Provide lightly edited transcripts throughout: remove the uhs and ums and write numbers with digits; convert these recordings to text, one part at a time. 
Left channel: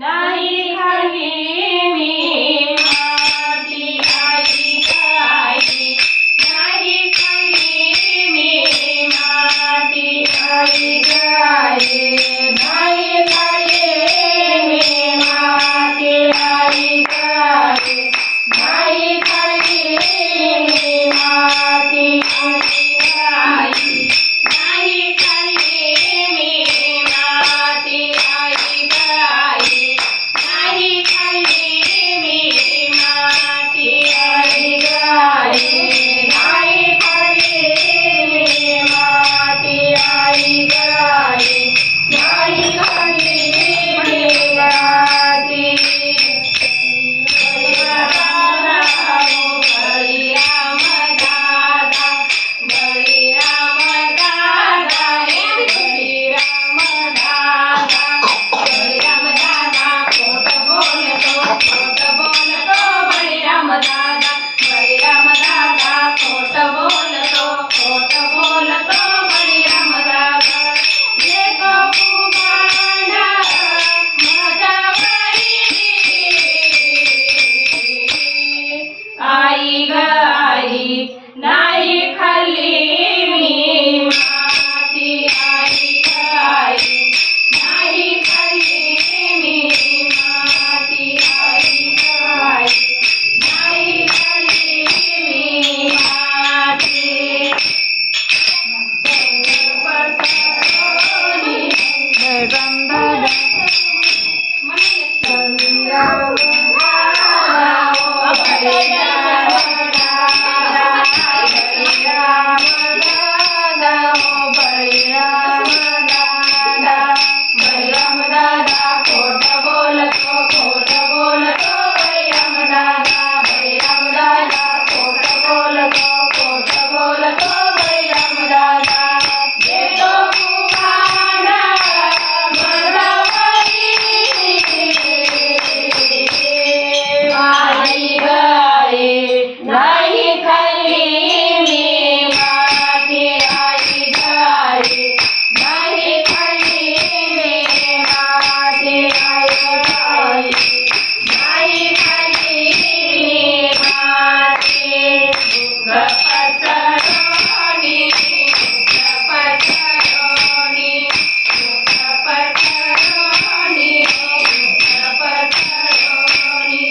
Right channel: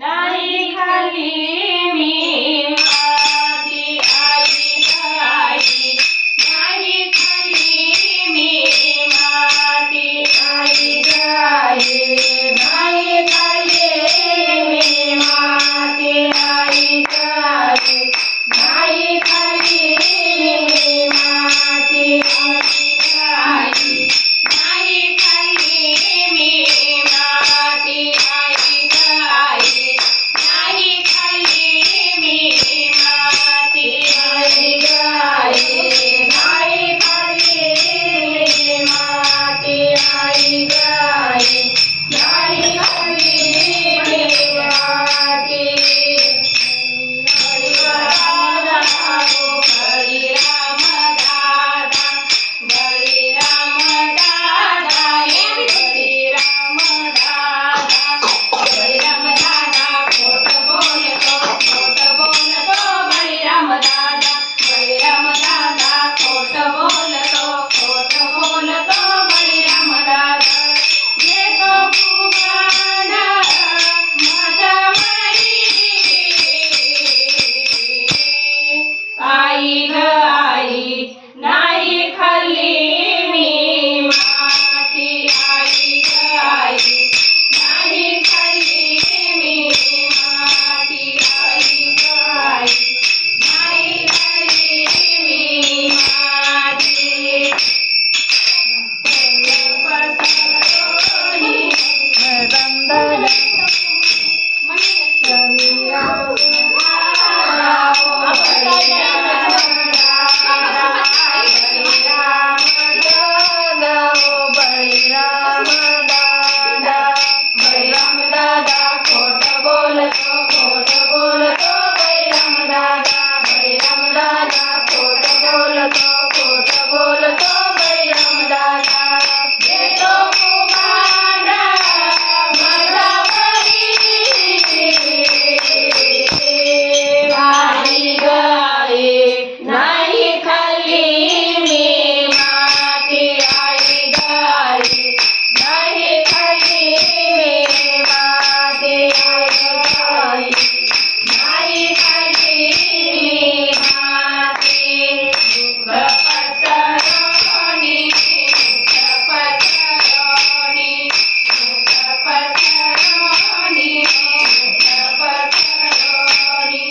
नाही खाल्ली मी माती आई ग आई, नाही खाल्ली मी माती आई ग आई, नाही खाल्ली मी माती आई ग आई, नाही खाल्ली मी माती आई ग आई, नाही खाल्ली मी माती आई ग आई, नाही खाल्ली मी माती आई ग आई, नाही खाल्ली मी माती आई ग आई, नाही खाल्ली मी माती. बळीराम दादा, बळीराम दादा, बळीराम दादा, बळीराम दादा खोट बोलतो बळीराम दादा, बळीराम दादा खोट बोलतो बळीराम दादा. येतो कुमार माझ्यावरी आई ग आई, नाही खाल्ली मी माती आई ग आई, नाही खाल्ली मी माती आई ग आई, नाही खाल्ली मी माती. पसरवणी बळीराम दादा बळीराम दादा, बळीराम दादा खोट बोलतो बळीराम दादा, बळीराम दादा खोट बोलतो बळीराम दादा. येतो कुमार माझ्यावरी आई ग आई, नाही खाल्ली मी माती आई ग आई, नाही खाल्ली मी माती आई ग आई, नाही खाल्ली मी माती. पसरवणी पसरवणी पसरवणी पसरवणी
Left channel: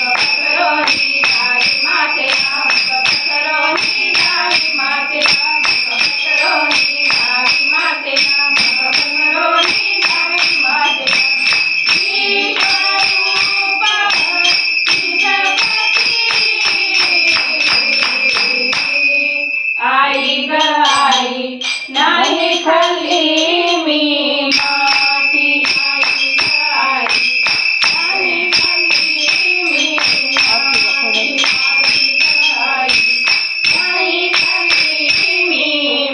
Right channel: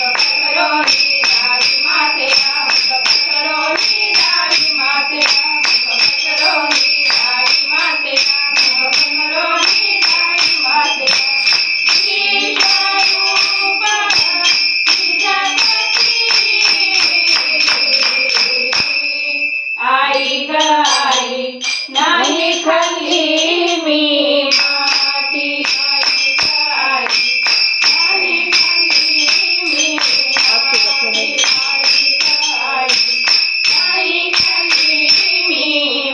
पसरवणी दावी मातेला, पसरवणी दावी मातेला, पसरवणी दावी मातेला, पसरवणी दावी मातेला. विश्वरूप आई ग आई, नाही खाल्ली मी माती आई ग आई, नाही खाल्ली मी माती आई ग आई, नाही खाल्ली मी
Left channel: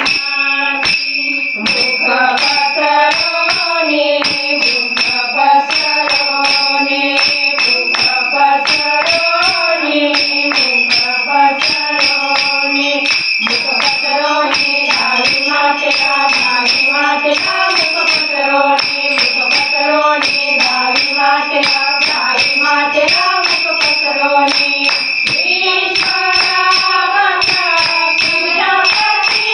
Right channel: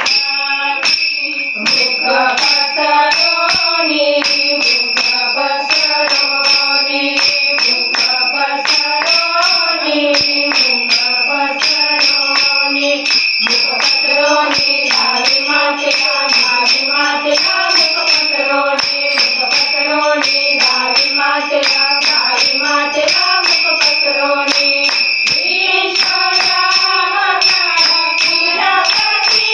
माती. मुख पसरवणी, मुख पसरवणी, मुख पसरवणी, मुख पसरवणी, मुख पसरवणी दावी मातेला, दावी मातेला, मुख पसरवणी, मुख पसरवणी दावी मातेला, दावी मातेला, मुख पसरवणी. ईश्वरावतार क्रीडापती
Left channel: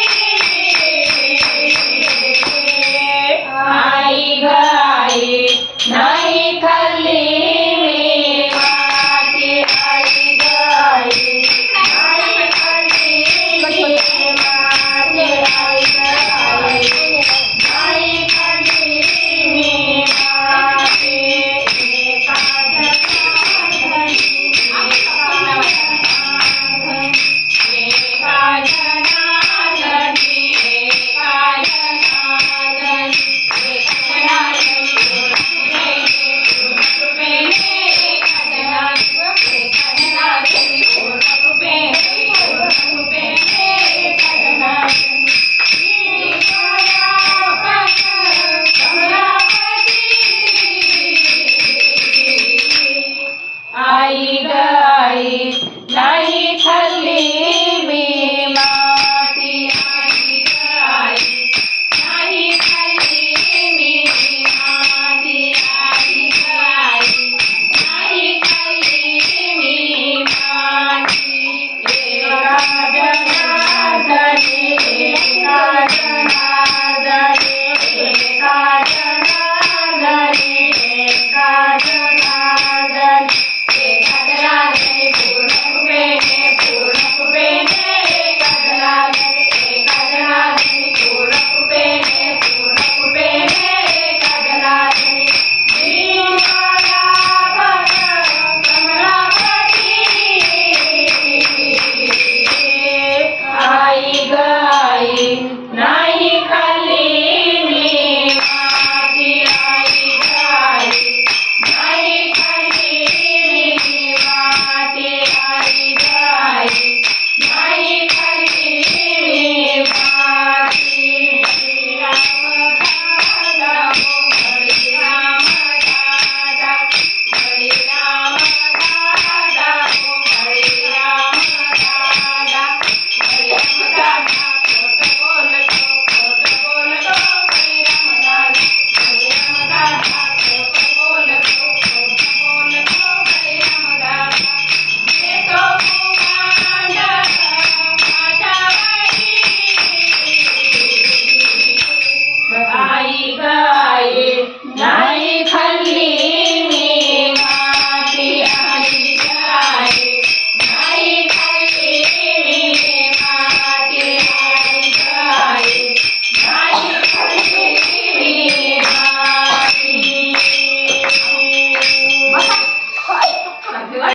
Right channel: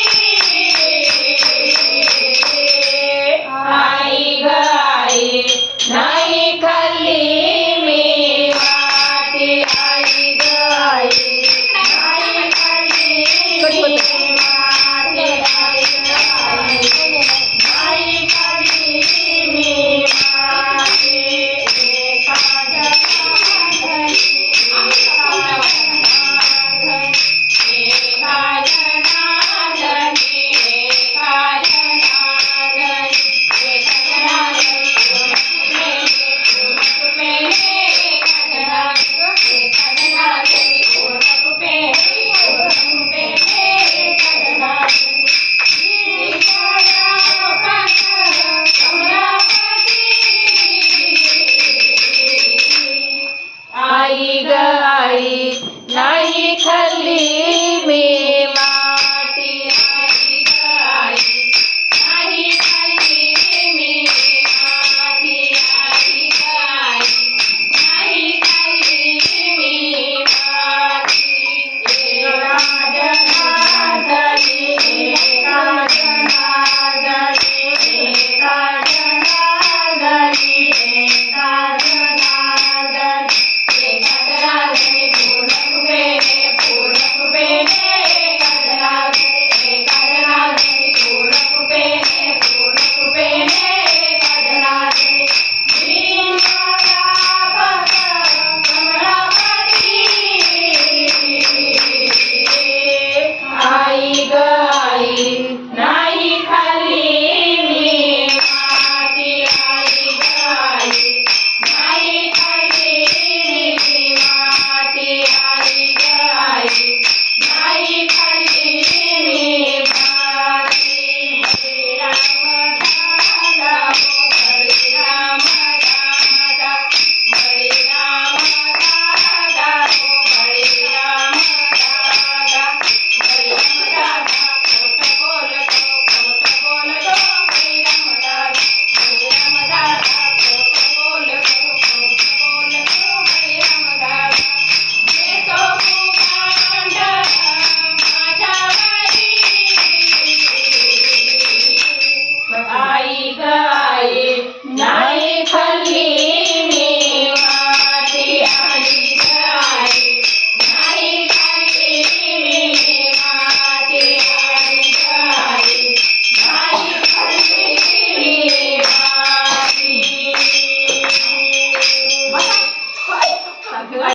आई ग आई,